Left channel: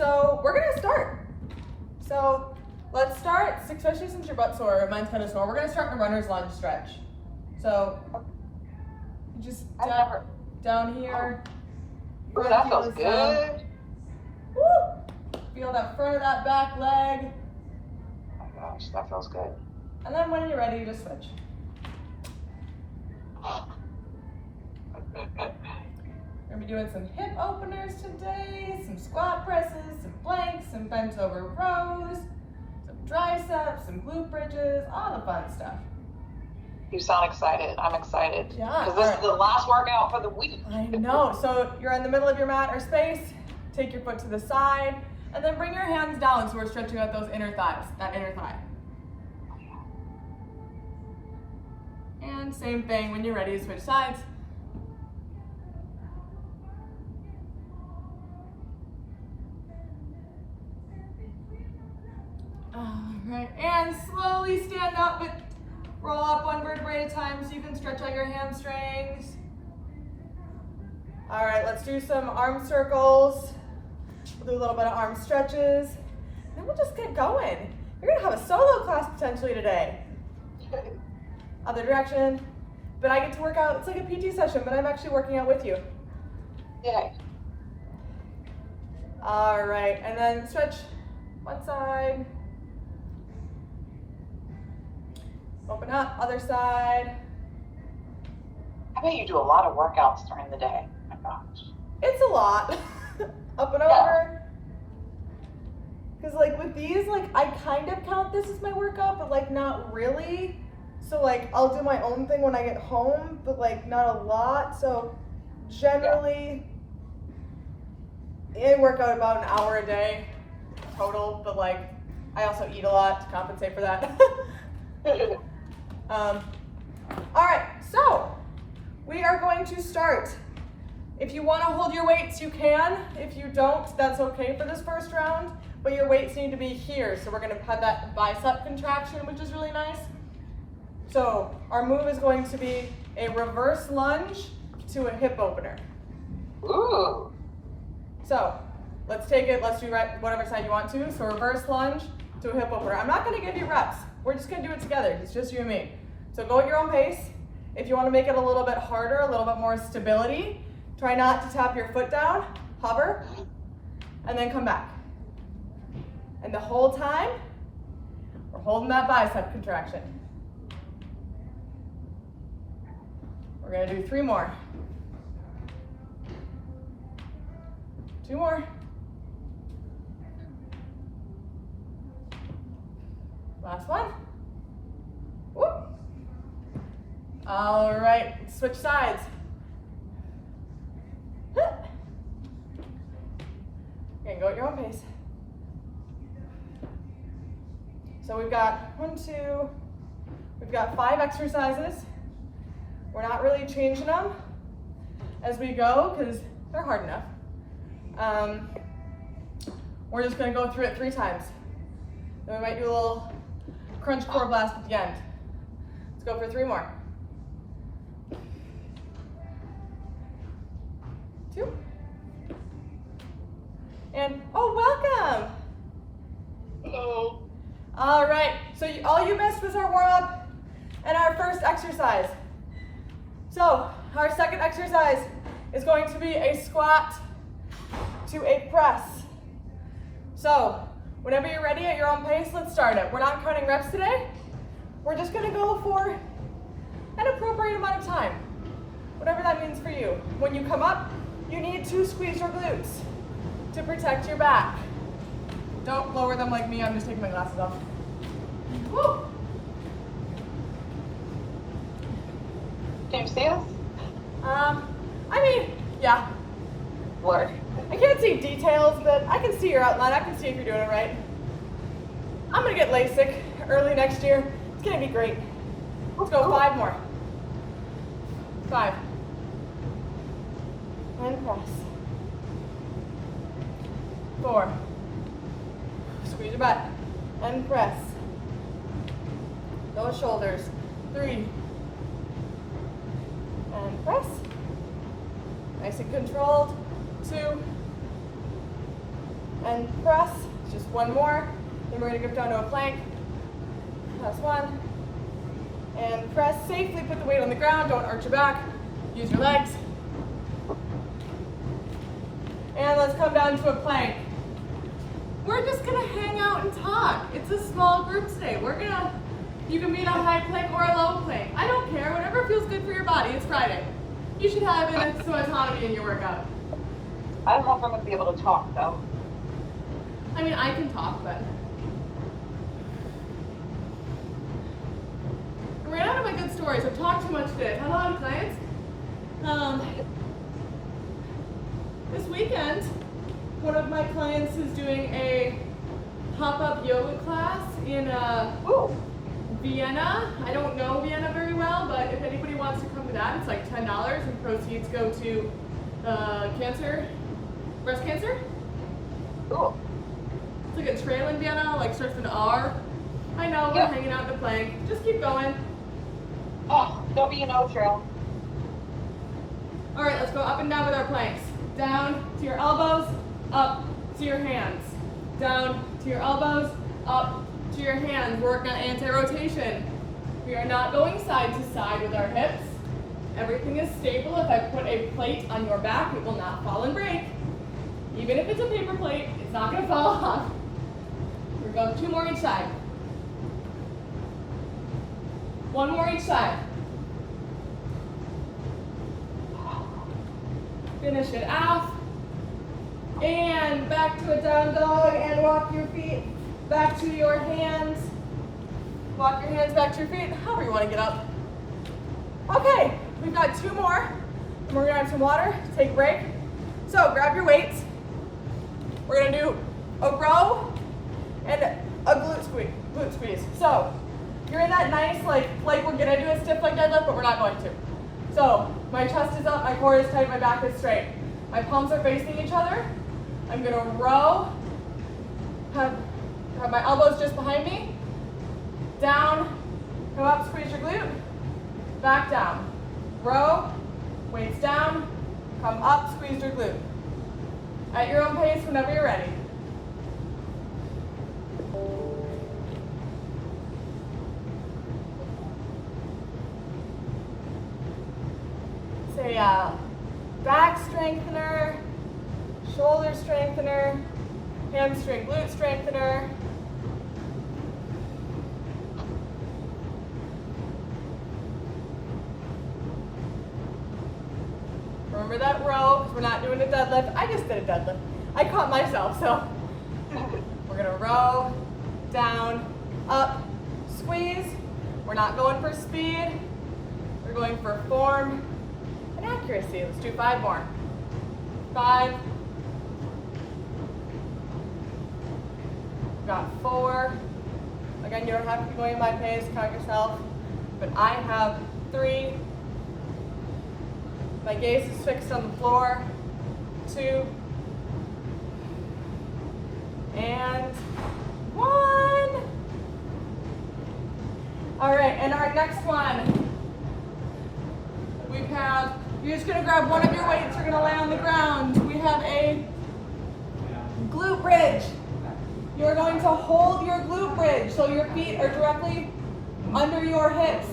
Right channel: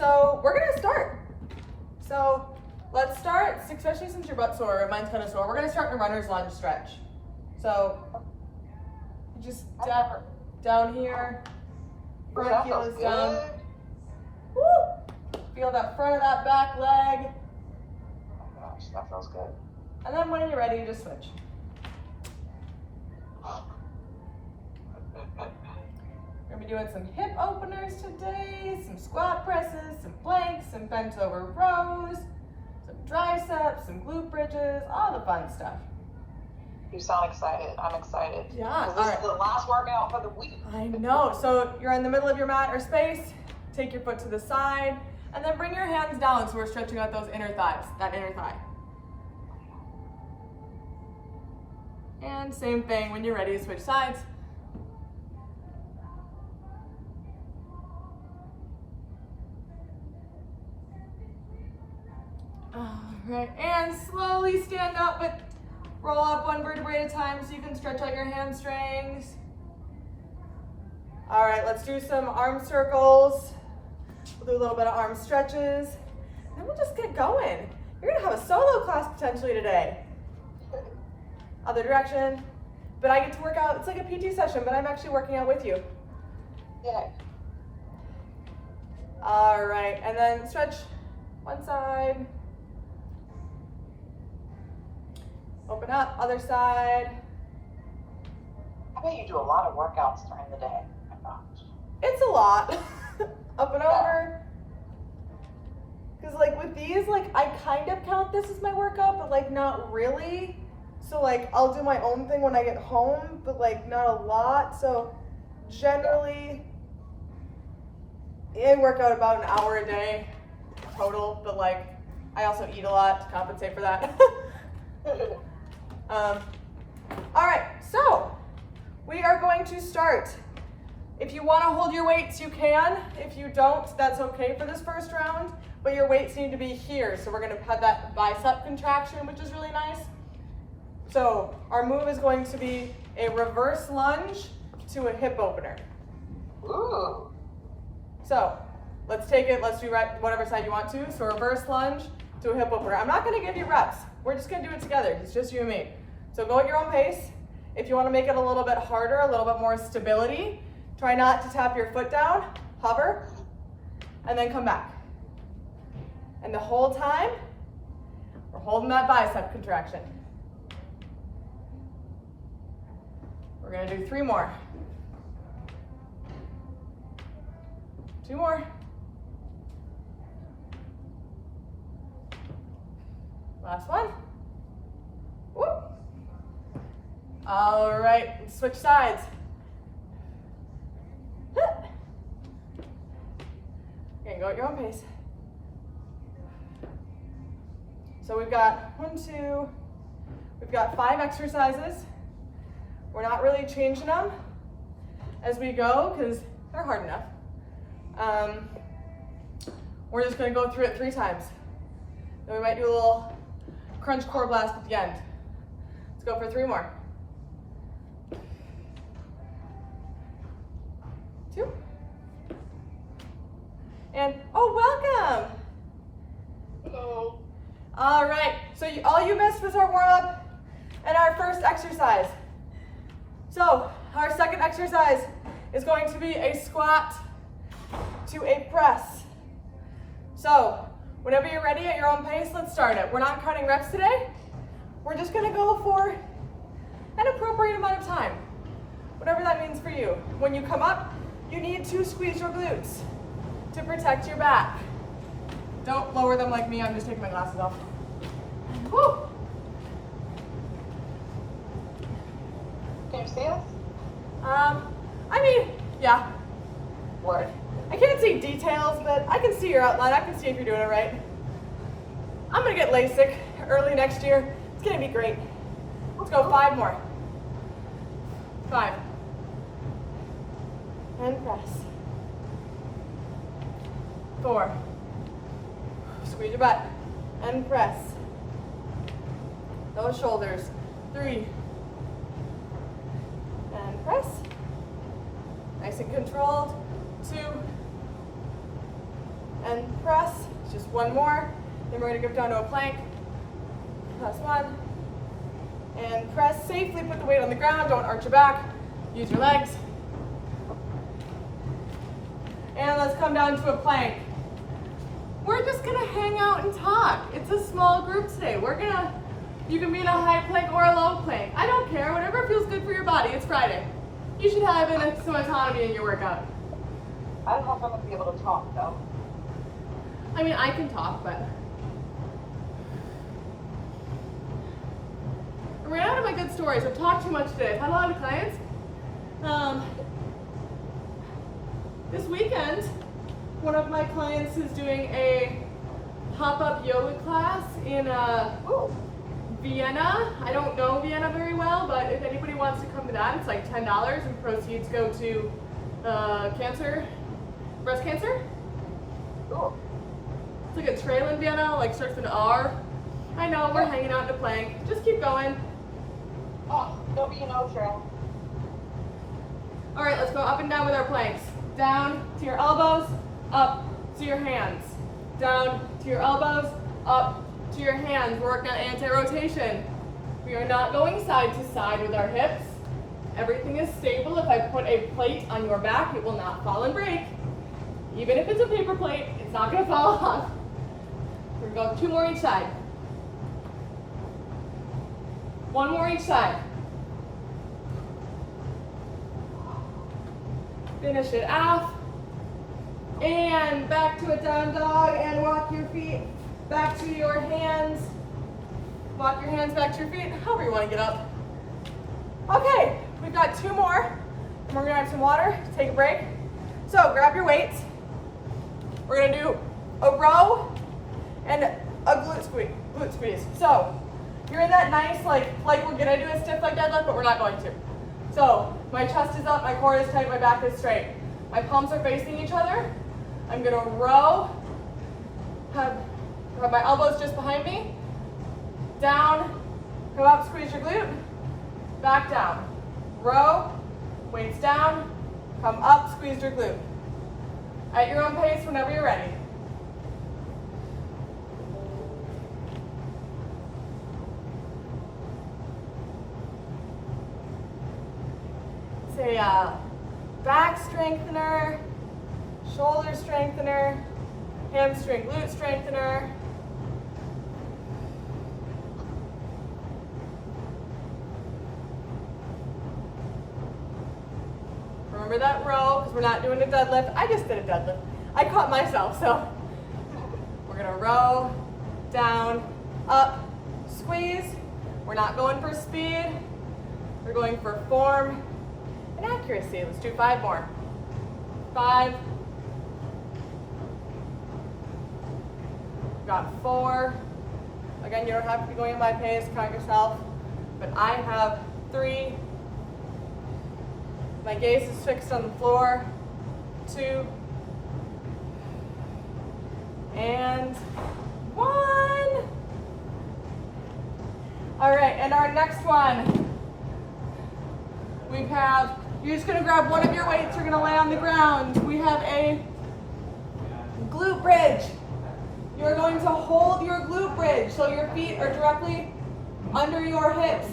so we're gonna start. So let's start, especially since your butt's sore, mine's kind of sore, we're gonna start in a runner's lunge stretch. So just down here, front heel is down. Woo! Feel that front of that back leg. Oh my gosh, that feels good. And then when you're ready, you just switch. We're gonna be doing some hip openers today, some squat presses, some planks, some bent over rows, some triceps, some glute bridges, all the fun stuff. You sound excited. I'm excited. Yeah. This is the last workout for the week. I know. So you're in the middle of your mat or space, take your foot to the side, and then bring your hands down so we're stretching out those inner thighs, that inner thigh. And same thing, when you're ready, switch sides. All right, and slowly stand up, but roll up one vertebrae at a time so you can stretch out your hamstrings. All right, let's do some arm circles. We'll do a little bit of arm stretches. Then we'll just get going. You're gonna have a solo class potentially today. Other direction. But I get to work out, it's like a PT session, but I'm actually working out with you. Yay. All right, and then stretch one side. Open up, other side. I bet you do a lot of workouts during the day. Oh my gosh. It's a lot. Up and over. Because like with these, like I kind of count this as my workout, but like not really. So like I'll do my own thing when I get home, but like not a lot. So generally, I work out about an hour a day total, but like I also eat a lot to compensate for that. All right, so we are going to start. If you want to hold your weights, you can. If you don't, that's okay for this first round, but your weights need to be here. So we're going to have that bicep contraction, which is really nice. So our move is going to be a reverse lunge to a hip opener. Ooh. So let's take it, let's do whatever side you want to. So reverse lunge to a hip opener. I'm not going to give you reps. We're just going to do it together. It's just you and me. So go at your own pace. If you want to make it a little bit harder, a little bit more stability, try not to tap your foot down, hover, and then come back. And the whole time, we're holding that bicep contraction. We're gonna do 3 more. 2 more. Last one. Whoop. All right, let's switch sides. Okay, go at your own pace. So we've got 1, 2, we've got 5 exercises. We're not really changing them as we go because they're hard enough. We're just gonna go through it 3 times. Then we might do a little crunch core blast at the end. Let's go for 3 more. 2. And, oh, welcome. Hello. All right, so all you missed was our warm up and our first exercise. So our second exercise is going to be a squat to a press. So whenever you're ready at your own pace, let's start it. We're not counting reps today. We're just gonna go for an appropriate amount of time, whatever that means for you. When you come up, you need to squeeze your glutes to protect your back. Don't lower them like me, I'm just taking my glasses off. Woo! Can you see us? I mean, yeah. Where? I can't see details, but I can see your outline. I can see if you're doing it right. I'm gonna get LASIK early next year. It's gonna be great. Let's go 5 more. 5. And press. 4. Squeeze your butt. And press. Those shoulders. 3. And press. Nice and controlled. 2. and press. Just one more. Then we're gonna go down to a plank. Press one, and press safely. Put the weight on the ground, don't arch your back. Use your legs. And let's come down to a plank. We're just gonna hang out and talk. It's a small group today. You can be in a high plank or a low plank. I don't care, whatever feels good for your body. It's Friday. You should have some autonomy in your workout. I don't know if I'm going to be able to talk, though. I mean, I can talk, but. I'm running out of my good stories. I've talked too much today. I've had a lot of clients. This weekend, one of my clients is doing a pop-up yoga class in Vienna. I don't know Vienna very well, but if anybody wants to come to that, it's like $10 and proceeds go to breast cancer. Cool. It's like a trail in Vienna, like starts with an R. I know, we're hanging out in a plank. Just keep going. Oh, W&O trail. All right, let's go up and down with our planks. Down to your elbows, up to your hands. Down to your elbows, up to your hands. We're working on anti-rotation. We are not going side to side with our hips. Everything is stable. If I put a plate on your back, it will not fall and break. Even if it's a paper plate, it's not going to fall off. We're going 2 more each side. 1 more each side. Finish it off. And back to a down dog and walk your feet back to your hands. Walk your hands back to your feet, however you want to get up. Okay, we've got 2 more. And we're going to have some water, take a break. So grab your weights. We're going to do a row and a glute squeeze. So you're in that nice, like we're going to do a stiff leg deadlift, but we're not going to. So my chest is up, my core is tight, my back is straight. My palms are facing each other. I'm going to row, have my elbows just behind me, down, come up, squeeze your glute, back down. Row, weights down, come up, squeeze your glute. At your own pace whenever you're ready. Say back strengthener, shoulder strengthener, hamstring glute strengthener. Remember that row, because we're not doing a deadlift. I just did a deadlift. I caught myself, so we're gonna row, down, up, squeeze. We're not going for speed. We're going for form and accuracy. Let's do 5 more. 5. We've got 4. Again, you don't have to be going at my pace, count yourself. But I have 3. My gaze is fixed on the floor. 2. And 1. All right, and our next one. You're just gonna grab one of your weights, you're gonna lay on the ground. We have a glute bridge. You're going to hold your glute bridge so your feet are directly under your hips.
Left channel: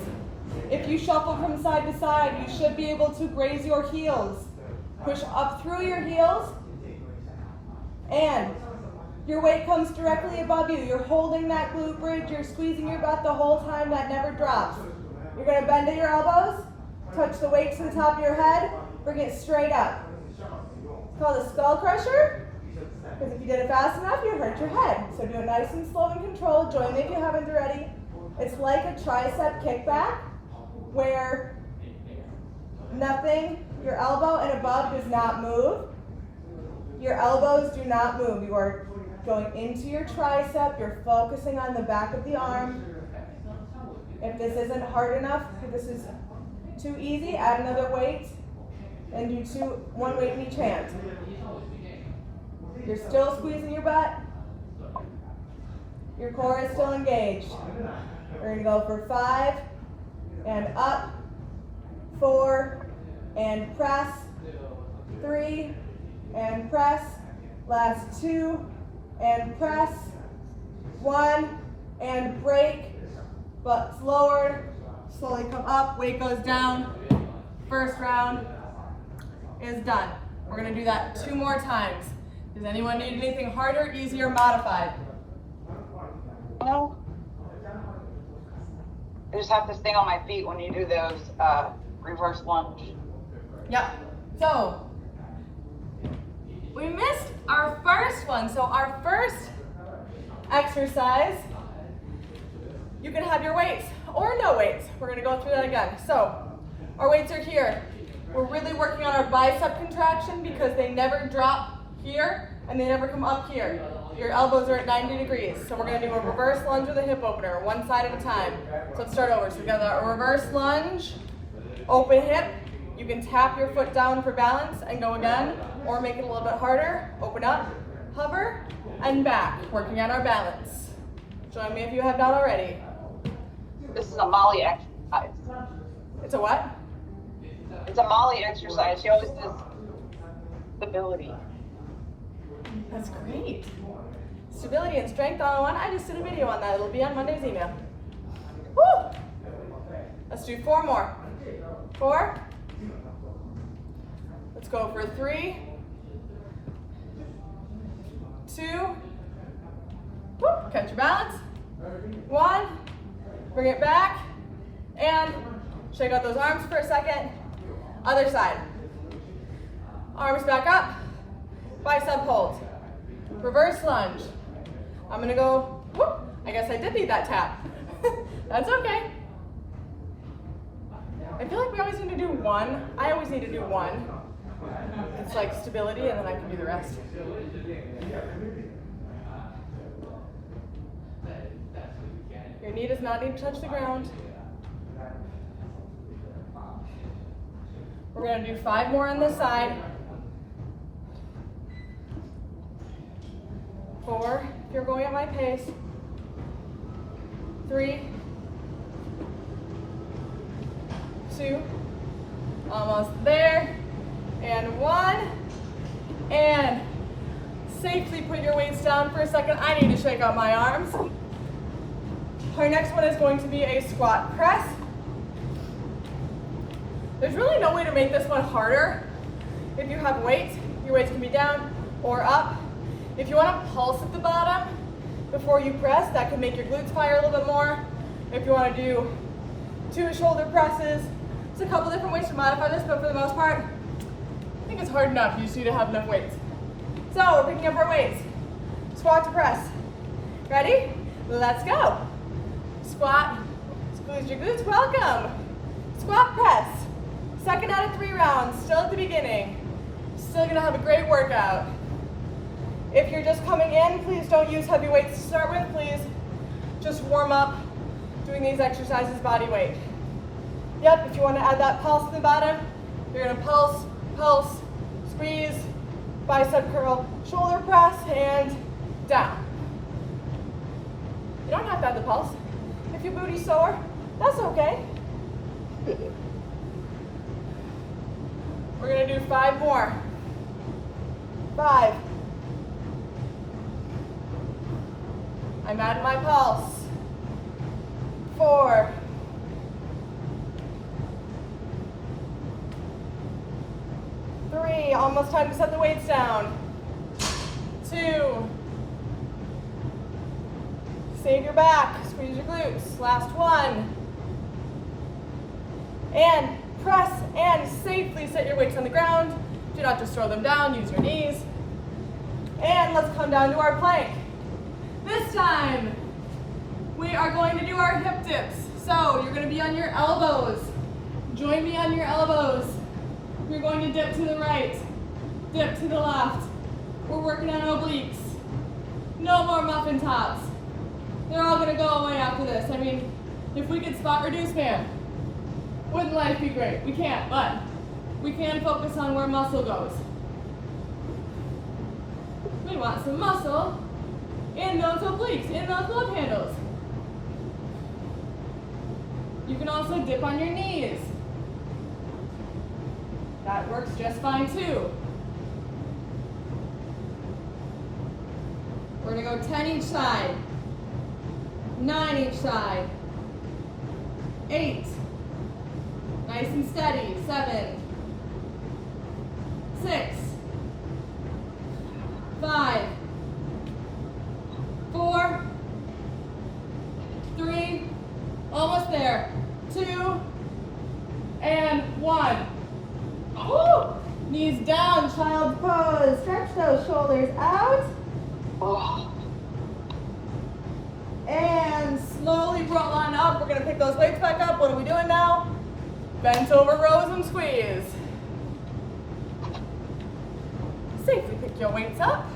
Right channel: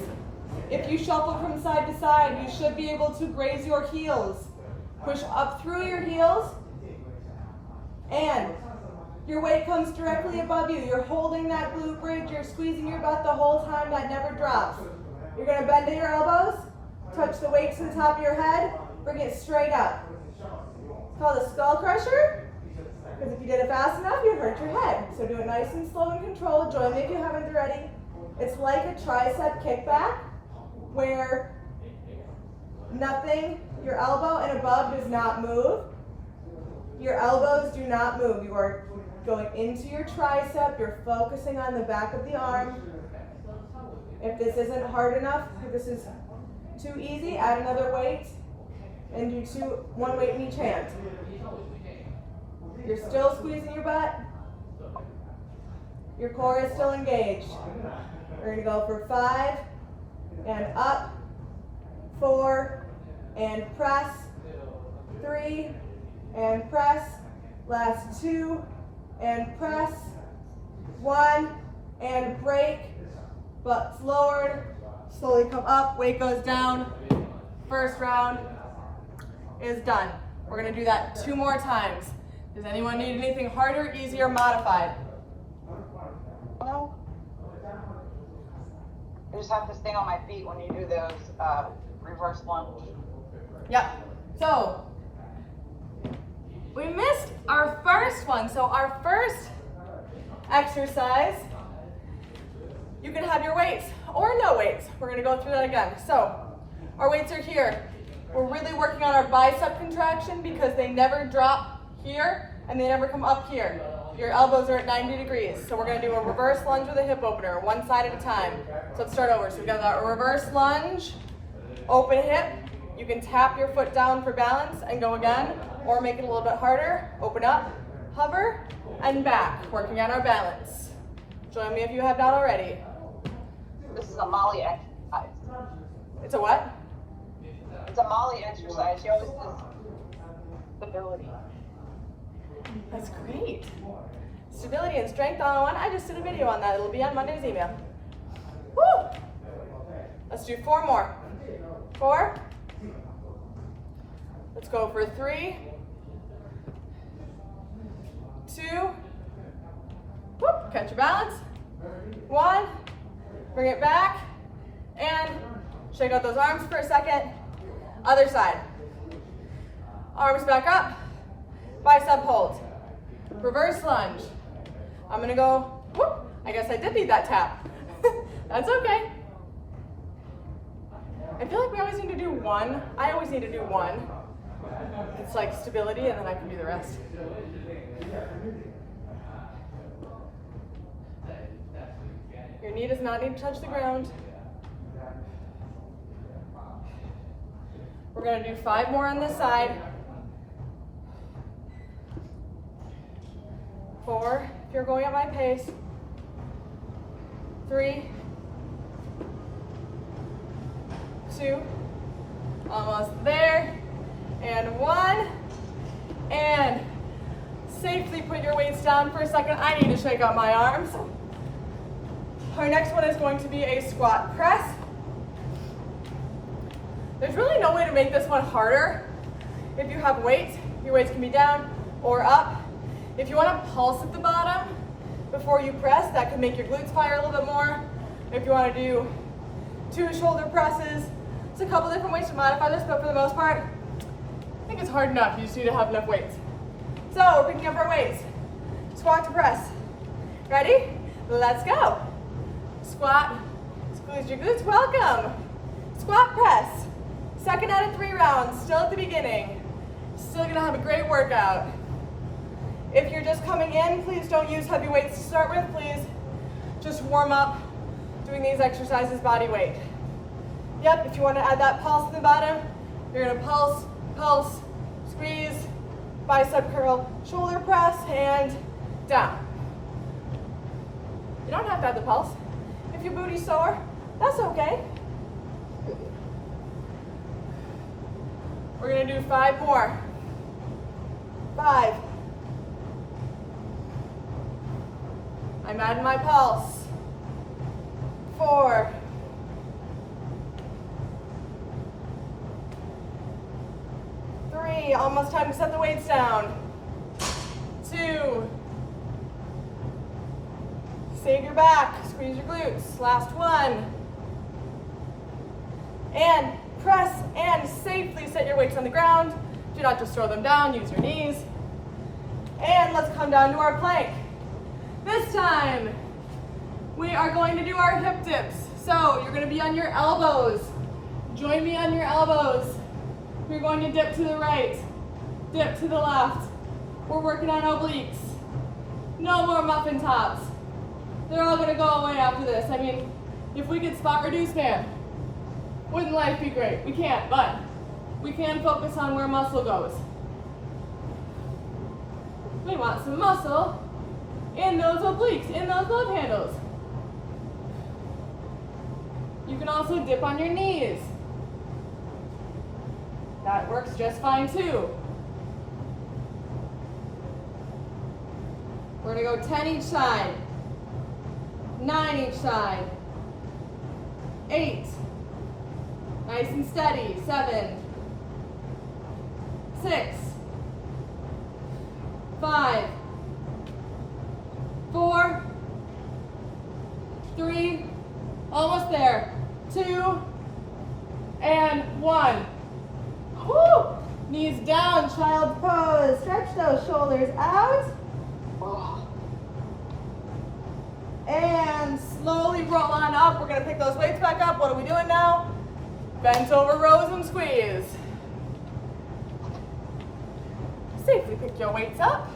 If you shuffle from side to side, you should be able to graze your heels. Push up through your heels, and your weight comes directly above you. You're holding that glute bridge, you're squeezing your butt the whole time, that never drops. You're gonna bend to your elbows, touch the weight to the top of your head, bring it straight up. It's called a skull crusher, because if you did it fast enough, you'd hurt your head. So do it nice and slow and controlled. Join me if you haven't already. It's like a tricep kickback, where nothing, your elbow and above does not move. Your elbows do not move. You are going into your tricep. You're focusing on the back of the arm. If this isn't hard enough, if this is too easy, add another weight and do 1 weight in each hand. You're still squeezing your butt. Your core is still engaged. We're gonna go for 5 and up, 4 and press, 3 and press, last 2 and press. 1 and break, butts lowered, slowly come up, weight goes down. First round is done. We're gonna do that 2 more times. Does anyone need anything harder, easier, modified? No. I just have to stay on my feet when you do those reverse lunge. Yep. So, we missed our first one. So our first exercise, you can have your weights or no weights. We're gonna go through that again. So, our weights are here. We're really working on our bicep contraction because they never drop here and they never come up here. Your elbows are at 90 degrees. So we're gonna do a reverse lunge with a hip opener, one side at a time. So let's start over. So we got a reverse lunge, open hip. You can tap your foot down for balance and go again, or make it a little bit harder. Open up, hover, and back, working on our balance. Join me if you have not already. This is a Molly exercise. It's a what? It's a Molly exercise. She always says stability. That's great. Stability and strength on one. I just did a video on that. It'll be on Monday's email. Woo! Let's do 4 more. 4. Let's go for 3, 2, whoop, catch your balance. 1, bring it back, and shake out those arms for a second. Other side. Arms back up, bicep hold. Reverse lunge. I'm gonna go, whoop, I guess I did need that tap. That's okay. I feel like we always need to do 1. I always need to do 1. It's like stability and then I can do the rest. Your knee does not need to touch the ground. We're gonna do 5 more on this side. 4, if you're going at my pace. 3, 2, almost there. And 1, and safely put your weights down for a second. I need to shake out my arms. Our next one is going to be a squat press. There's really no way to make this one harder. If you have weights, your weights can be down or up. If you want to pulse at the bottom before you press, that can make your glutes fire a little bit more. If you want to do 2 shoulder presses, there's a couple different ways to modify this, but for the most part, I think it's hard enough. You just need to have enough weights. So we're picking up our weights. Squat to press. Ready? Let's go. Squat, squeeze your glutes, welcome. Squat press. 2nd out of 3 rounds, still at the beginning. Still gonna have a great workout. If you're just coming in, please don't use heavy weights to start with. Please just warm up doing these exercises body weight. Yep, if you wanna add that pulse at the bottom, you're gonna pulse, pulse, squeeze, bicep curl, shoulder press, and down. You don't have to have the pulse. If your booty's sore, that's okay. We're gonna do 5 more. 5. I'm adding my pulse. 4. 3, almost time to set the weights down. 2. Save your back, squeeze your glutes. Last 1. And press and safely set your weights on the ground. Do not just throw them down, use your knees. And let's come down to our plank. This time, we are going to do our hip dips. So you're gonna be on your elbows. Join me on your elbows. We're going to dip to the right, dip to the left. We're working on obliques. No more muffin tops. They're all gonna go away after this. I mean, if we could spot reduce, man, wouldn't life be great? We can't, but we can focus on where muscle goes. We want some muscle in those obliques, in those love handles. You can also dip on your knees. That works just fine too. We're gonna go 10 each side. 9 each side. 8. Nice and steady. 7. 6. 5. 4. 3. Almost there. 2. And 1. Woo! Knees down, child's pose. Stretch those shoulders out. Oh. And slowly roll on up. We're gonna pick those weights back up. What are we doing now? Bent over rows and squeeze. Safely pick your weights up.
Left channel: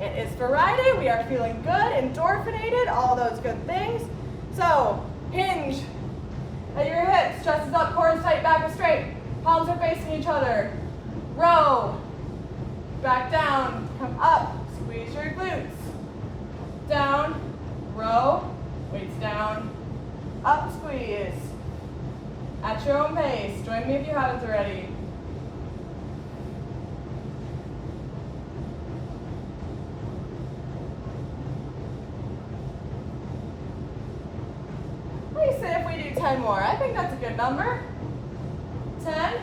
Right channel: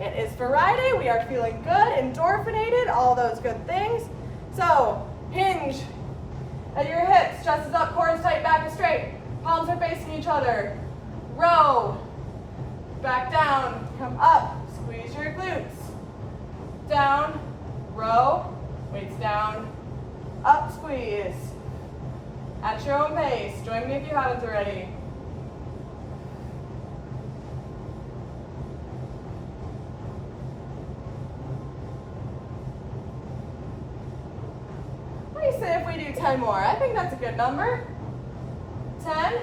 It is Friday. We are feeling good, endorphinated, all those good things. So hinge at your hips, chest is up, core is tight, back is straight. Palms are facing each other. Row, back down, come up, squeeze your glutes. Down, row, weights down, up, squeeze. At your own pace. Join me if you haven't already. What do you say if we do 10 more? I think that's a good number. 10.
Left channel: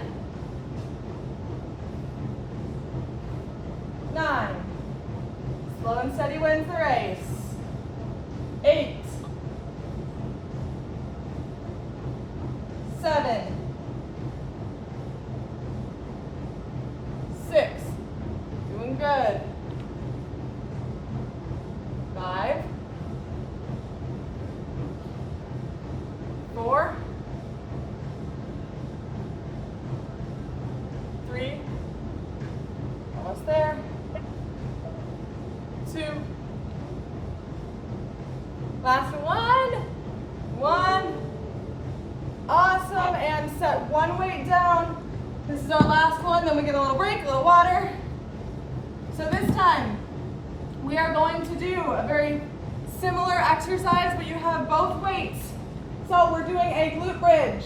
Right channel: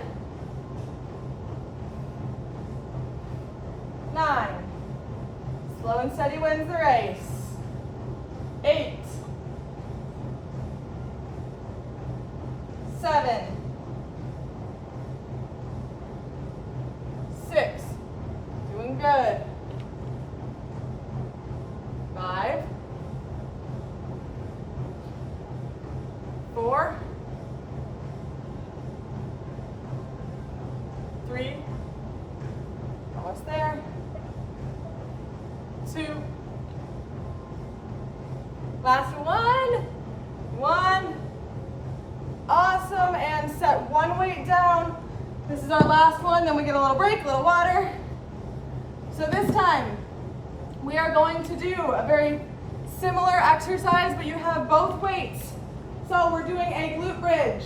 9. Slow and steady wins the race. 8. 7. 6. Doing good. 5. 4. 3. Almost there. 2. Last one. 1. Awesome. And set one weight down. This is our last one. Then we get a little break, a little water. So this time, we are going to do a very similar exercise, but you have both weights. So we're doing a glute bridge.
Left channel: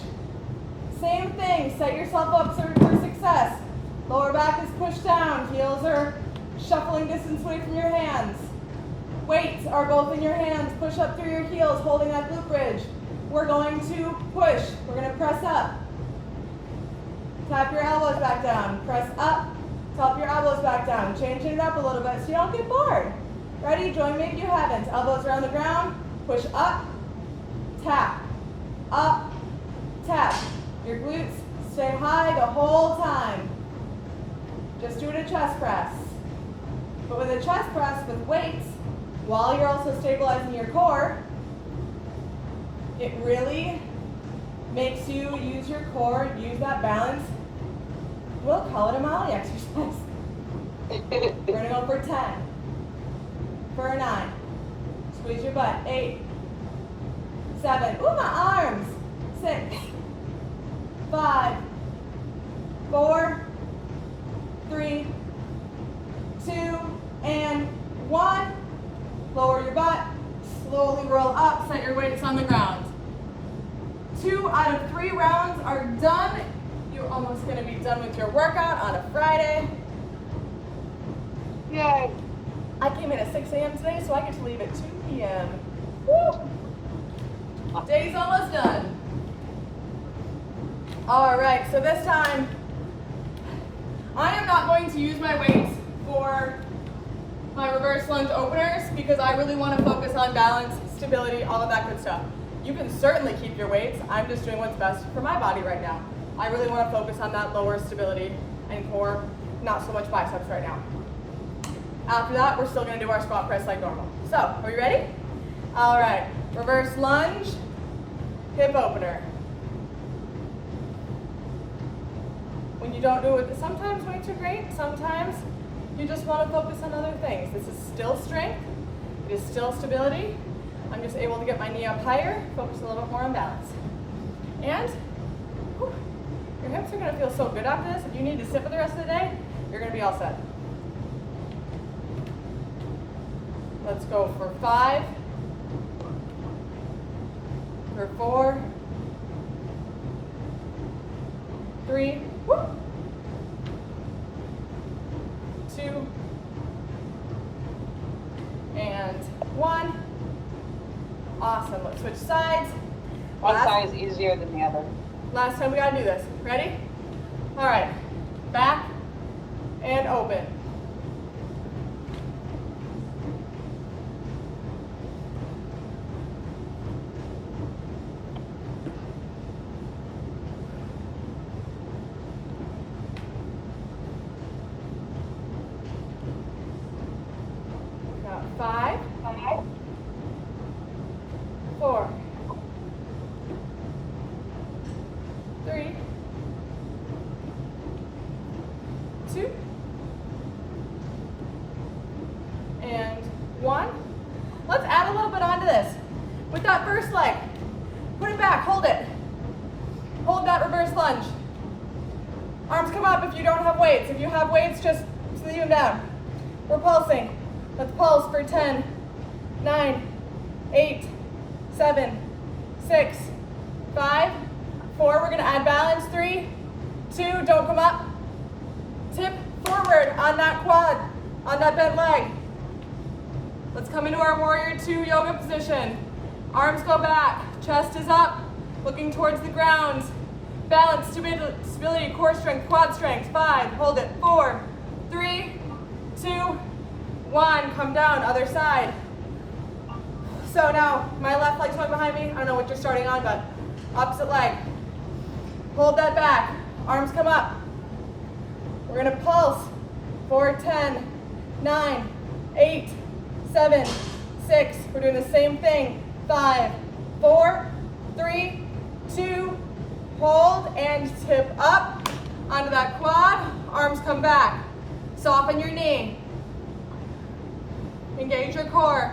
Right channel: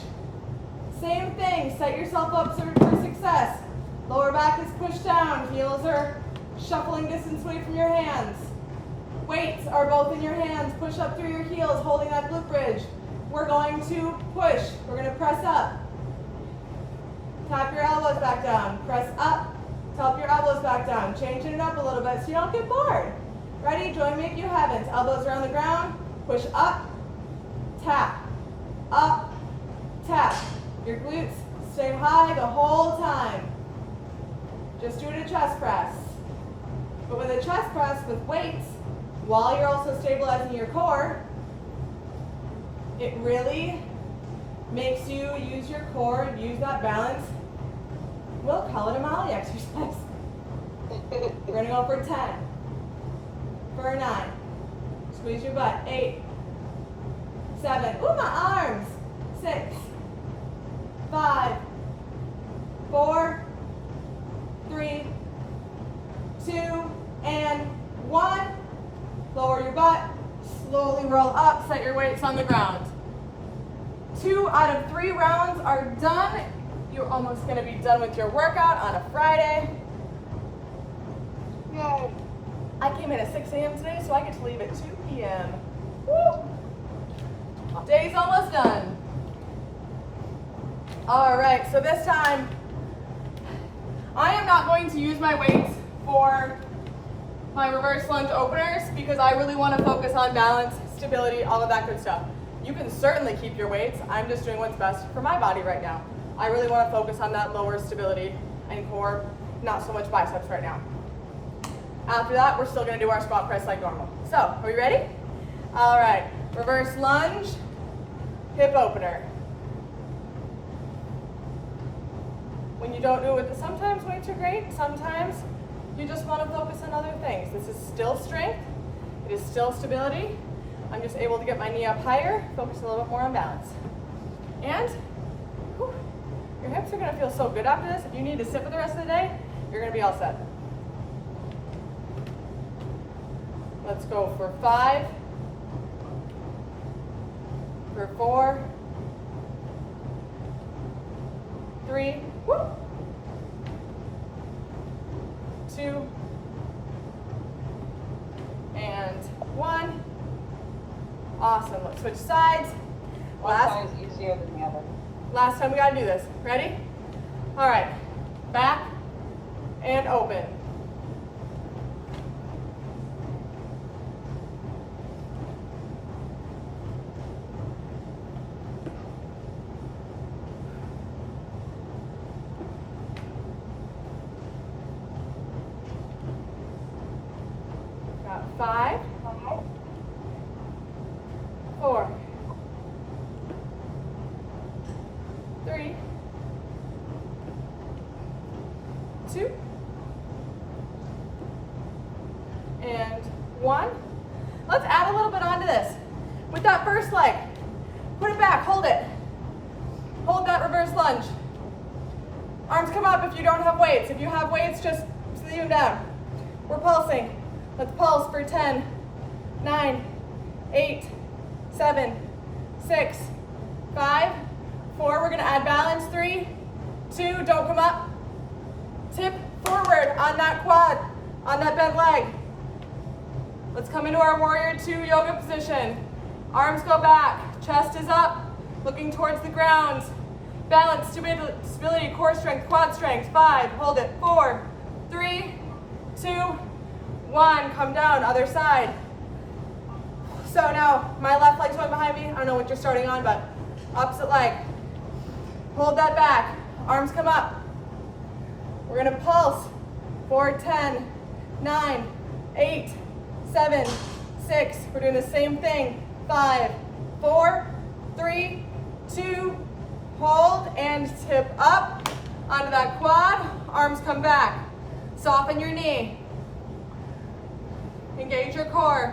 Same thing, set yourself up for success. Lower back is pushed down, heels are shuffling distance away from your hands. Weights are both in your hands, push up through your heels, holding that glute bridge. We're going to push, we're gonna press up. Tap your elbows back down, press up, tap your elbows back down. Changing it up a little bit so you don't get bored. Ready? Join me if you haven't. Elbows are on the ground, push up, tap, up, tap. Your glutes stay high the whole time. Just do it a chest press. But with a chest press with weights, while you're also stabilizing your core, it really makes you use your core, use that balance. We'll call it a Molly exercise. We're gonna go for 10, for 9, squeeze your butt, 8, 7, ooh, my arms, 6, 5, 4, 3, 2, and 1. Lower your butt, slowly roll up, set your weights on the ground. 2 out of 3 rounds are done. You're almost gonna be done with your workout on a Friday. Yay. I came in at 6 a.m. today, so I get to leave at 2 p.m. Woo! Day's almost done. All right, so this time, I am not going to use my weights for my reverse lunge openers because I really want to focus on balance, stability, all of that good stuff. You can certainly keep your weights. I'm just doing what's best for my body right now. I really want to focus on that lower stability and core, not so much biceps right now. After that, we're still going to do our squat press like normal. So, are we ready? All right, reverse lunge, hip opener. When you don't do it, sometimes weights are great, sometimes you just want to focus on other things. This is still strength, it is still stability. I'm just able to get my knee up higher, focus a little bit more on balance. And whew, your hips are going to feel so good after this. If you need to sit for the rest of the day, you're going to be all set. Let's go for 5, for 4, 3, whoop, 2, 1. Awesome. Let's switch sides. One side is easier than the other. Last time we gotta do this. Ready? All right. Back and open. Got 5, 4, 3, 2, and 1. Let's add a little bit onto this. With that first leg, put it back, hold it. Hold that reverse lunge. Arms come up if you don't have weights. If you have weights, just leave them down. We're pulsing. Let's pulse for 10, 9, 8, 7, 6, 5, 4. We're gonna add balance. 3, 2, don't come up. Tip forward on that quad, on that bent leg. Let's come into our warrior 2 yoga position. Arms go back, chest is up, looking towards the ground. Balance, stability, core strength, quad strength. 5, hold it. 4, 3, 2, 1, come down, other side. So now my left leg's going behind me. I don't know what you're starting on, but opposite leg. Hold that back, arms come up. We're gonna pulse for 10, 9, 8, 7, 6. We're doing the same thing. 5, 4, 3, 2, hold and tip up onto that quad. Arms come back. Soften your knee. Engage your core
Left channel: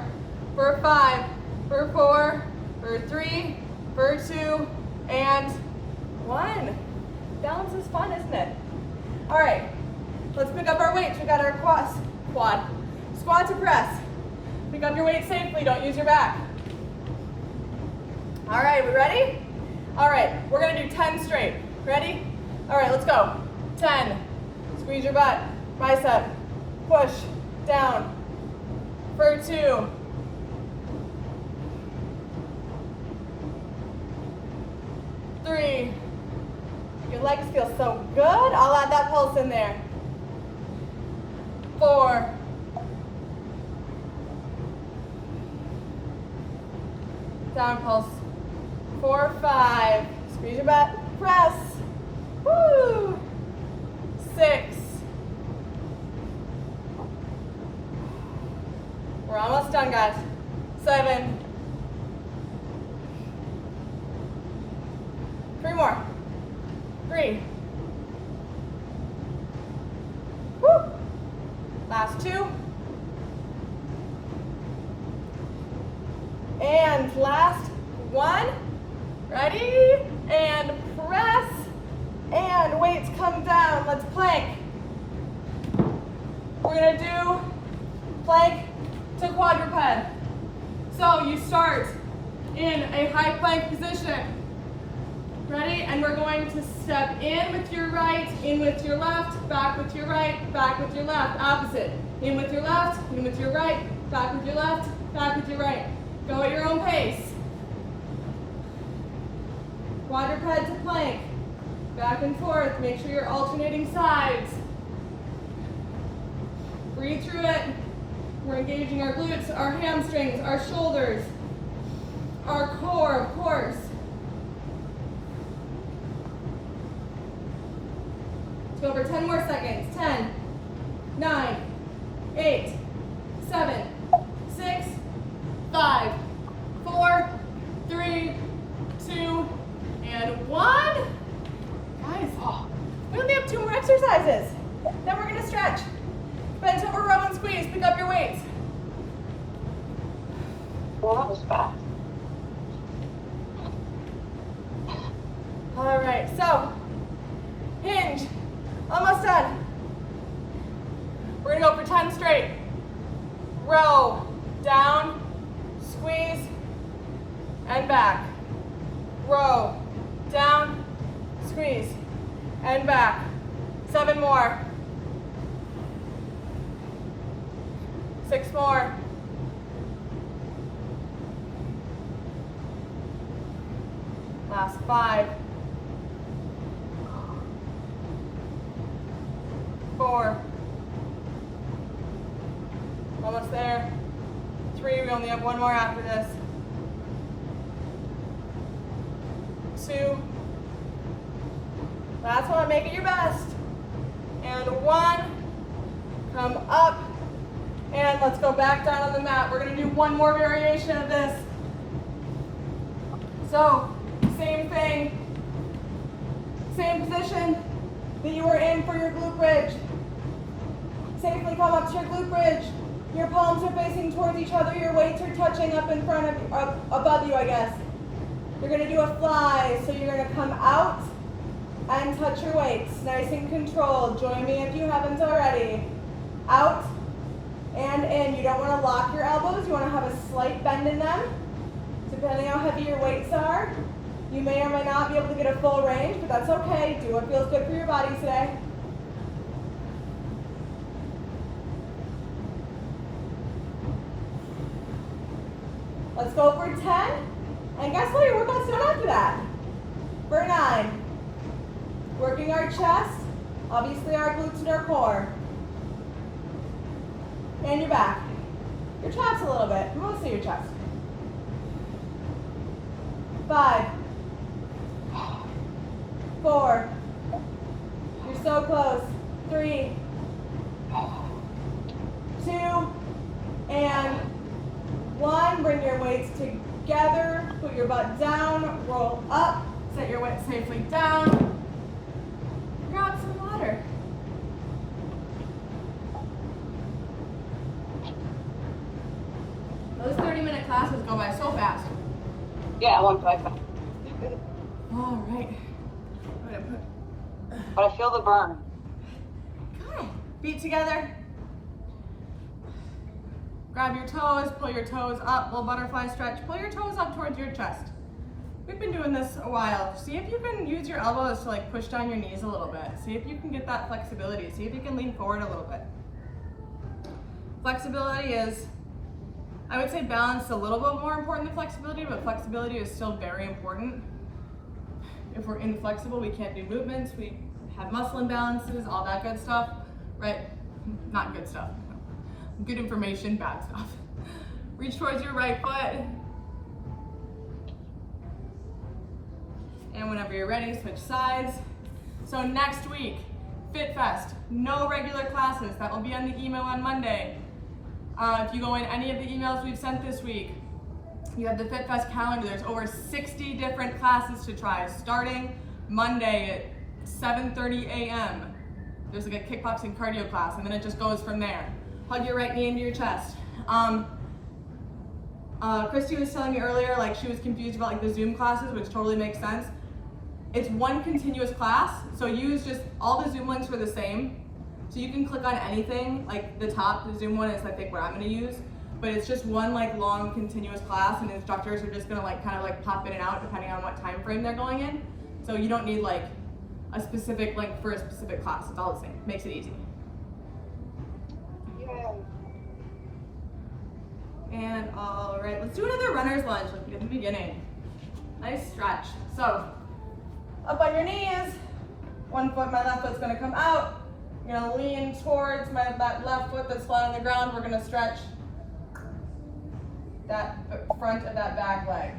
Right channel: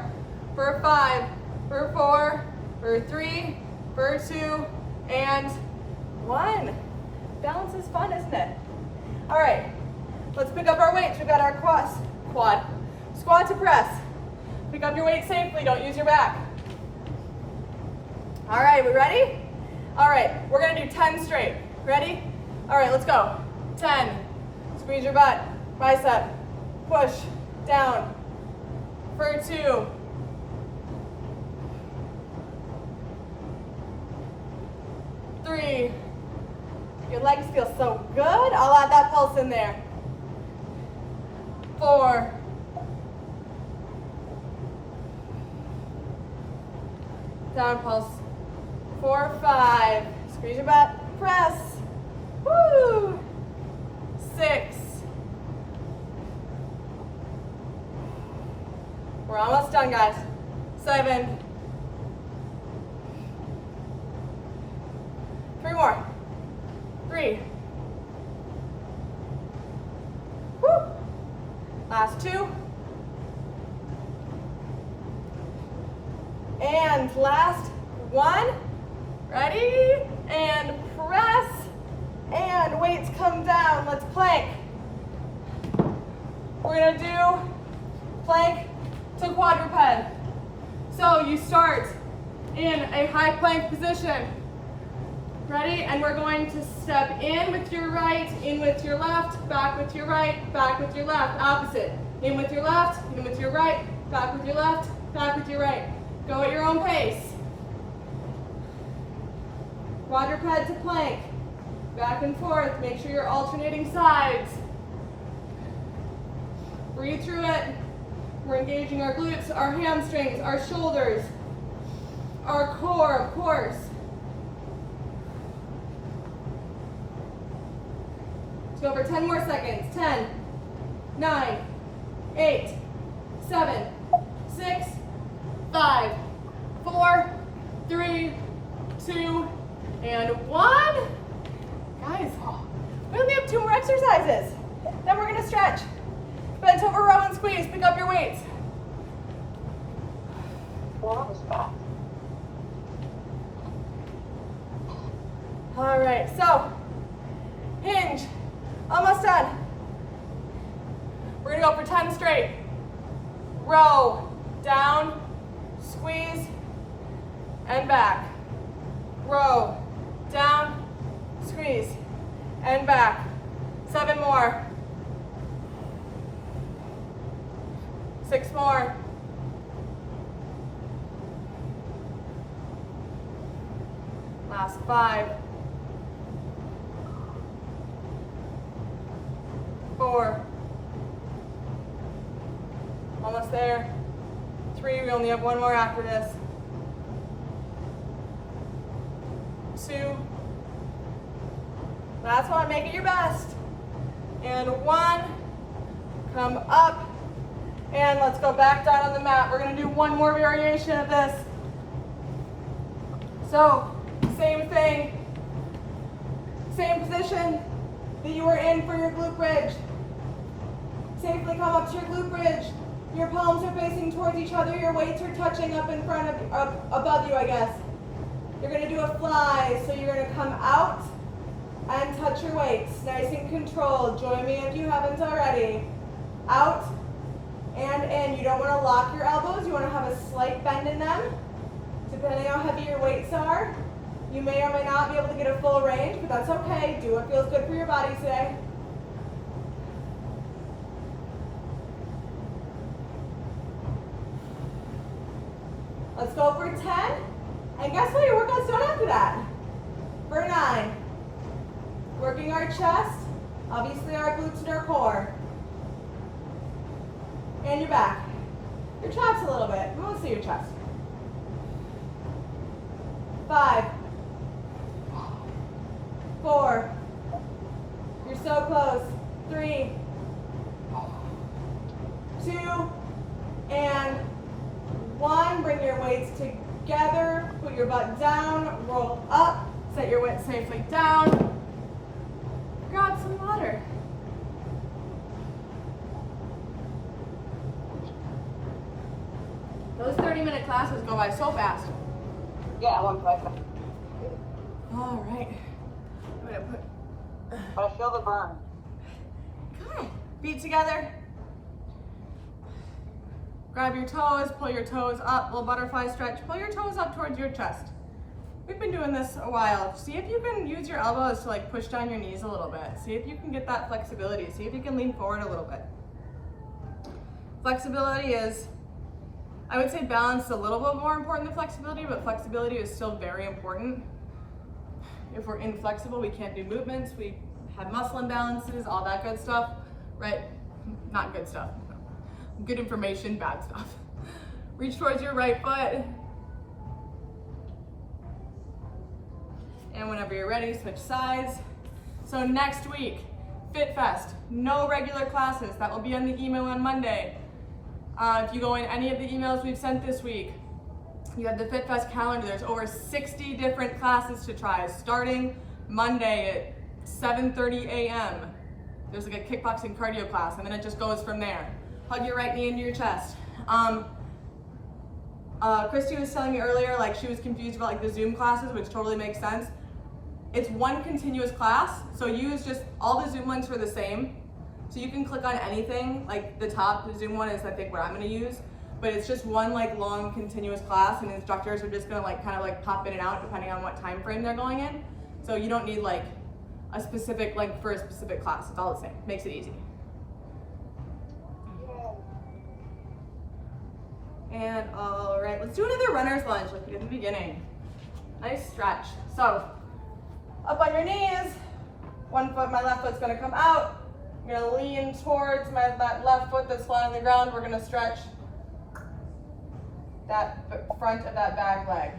for 5, for 4, for 3, for 2, and 1. Balance is fun, isn't it? All right, let's pick up our weights. We got our quad, squat to press. Pick up your weight safely, don't use your back. All right, we ready? All right, we're gonna do 10 straight. Ready? All right, let's go. 10, squeeze your butt, bicep, push, down. For 2, 3, your legs feel so good. I'll add that pulse in there. 4, 'Down pulse. 4, 5, squeeze your butt, press. Woo! 6. We're almost done, guys. 7. 3 more. 3. Woo! Last 2. And last 1. Ready? And press. And weights come down. Let's plank. We're gonna do plank to quadruped. So you start in a high plank position. Ready? And we're going to step in with your right, in with your left, back with your right, back with your left. Opposite. In with your left, in with your right, back with your left, back with your right. Go at your own pace. Quadruped to plank. Back and forth. Make sure you're alternating sides. Breathe through it. We're engaging our glutes, our hamstrings, our shoulders, our core, of course. Let's go for 10 more seconds. 10, 9, 8, 7, 6, 5, 4, 3, 2, and 1. Guys, we only have 2 more exercises. Then we're gonna stretch. Bend over, row and squeeze. Pick up your weights. Well, that was fast. All right, so hinge. Almost done. We're gonna go for 10 straight. Row, down, squeeze, and back. Row, down, squeeze, and back. 7 more. 6 more. Last 5, 4, almost there, 3, we only have 1 more after this, 2, last one, make it your best, and 1, come up, and let's go back down on the mat. We're gonna do 1 more variation of this. So, same thing, same position that you were in for your glute bridge. Safely come up to your glute bridge. Your palms are facing towards each other, your weights are touching up in front of, above you, I guess. You're gonna do a fly, so you're gonna come out and touch your weights, nice and controlled. Join me if you haven't already. Out and in. You don't wanna lock your elbows, you wanna have a slight bend in them. Depending how heavy your weights are, you may or may not be able to get a full range, but that's okay. Do what feels good for your body today. Let's go for 10. And guess what? Your workout's done after that. For 9. Working our chest, obviously our glutes and our core. And your back. Your traps a little bit, mostly your chest. 5, 4, you're so close, 3, 2, and 1. Bring your weights together, put your butt down, roll up, set your weight safely down, grab some water. Those 30-minute classes go by so fast. Yeah, 155. All right. I'm gonna put. But I feel the burn. Good. Feet together. Grab your toes, pull your toes up, little butterfly stretch. Pull your toes up towards your chest. We've been doing this a while. See if you can use your elbows to like push down your knees a little bit. See if you can get that flexibility. See if you can lean forward a little bit. Flexibility is, I would say balance is a little bit more important than flexibility, but flexibility is still very important. If we're inflexible, we can't do movements, we have muscle imbalances, all that good stuff, right? Not good stuff. Good information, bad stuff. Reach towards your right foot. And whenever you're ready, switch sides. So next week, FitFest, no regular classes. That will be on the email on Monday. If you go in any of the emails we've sent this week, you have the FitFest calendar. There's over 60 different classes to try, starting Monday at 7:30 a.m. There's like a kickboxing cardio class, and then it just goes from there. Hug your right knee into your chest. Christy was telling me earlier, like she was confused about like the Zoom classes, which totally makes sense. It's one continuous class, so use just, all the Zoom links are the same. So you can click on anything, like the top, the Zoom one is I think what I'm gonna use, but it's just one like long continuous class, and instructors are just gonna like kind of like pop in and out depending on what time frame they're going in. So you don't need like a specific link for a specific class, it's all the same, makes it easy. And all right, let's do another runner's lunge like we did in the beginning. Nice stretch. So, up on your knees, one foot, my left foot's gonna come out. I'm gonna lean towards that left foot that's flat on the ground. We're gonna stretch that front of that back leg.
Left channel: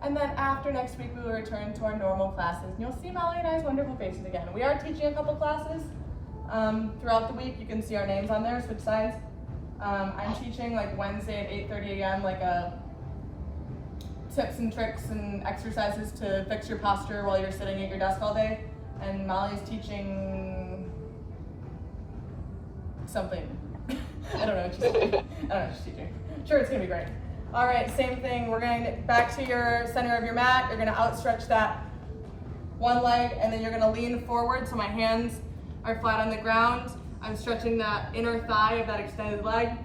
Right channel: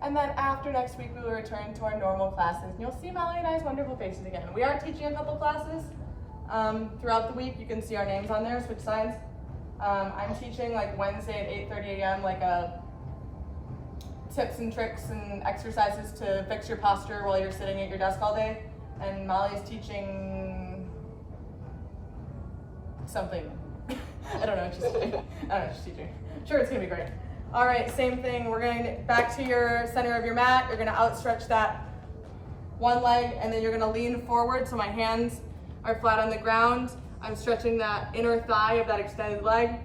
And then after next week, we will return to our normal classes. And you'll see Molly and I's wonderful faces again. We are teaching a couple classes throughout the week. You can see our names on there, switch sides. I'm teaching like Wednesday at 8:30 a.m. like a tips and tricks and exercises to fix your posture while you're sitting at your desk all day. And Molly's teaching something. I don't know what she's teaching. I don't know what she's teaching. Sure, it's gonna be great. All right, same thing. We're going back to your center of your mat. You're gonna outstretch that one leg, and then you're gonna lean forward so my hands are flat on the ground. I'm stretching that inner thigh of that extended leg.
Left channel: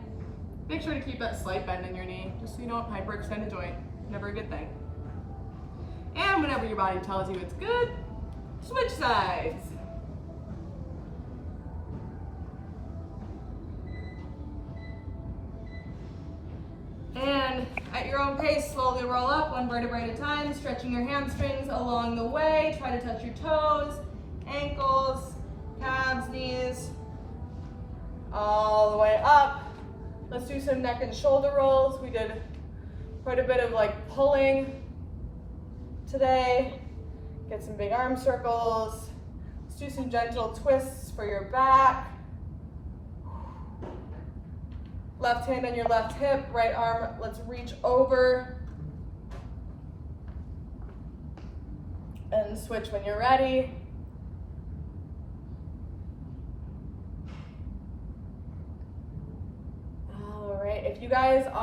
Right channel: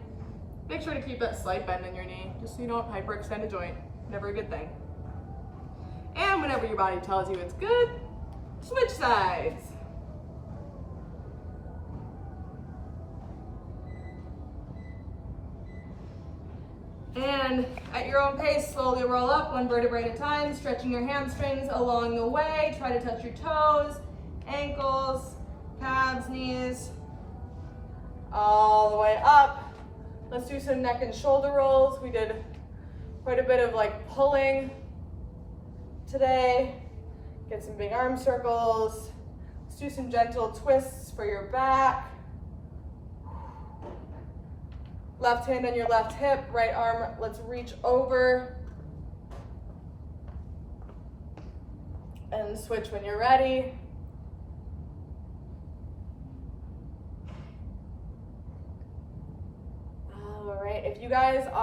Make sure to keep that slight bend in your knee, just so you don't hyperextend a joint. Never a good thing. And whenever your body tells you it's good, switch sides. And And at your own pace, slowly roll up one vertebrae at a time, stretching your hamstrings along the way. Try to touch your toes, ankles, calves, knees, all the way up. Let's do some neck and shoulder rolls. We did quite a bit of like pulling today. Get some big arm circles. Let's do some gentle twists for your back. Left hand on your left hip, right arm, let's reach over. And switch when you're ready. All right, if you guys are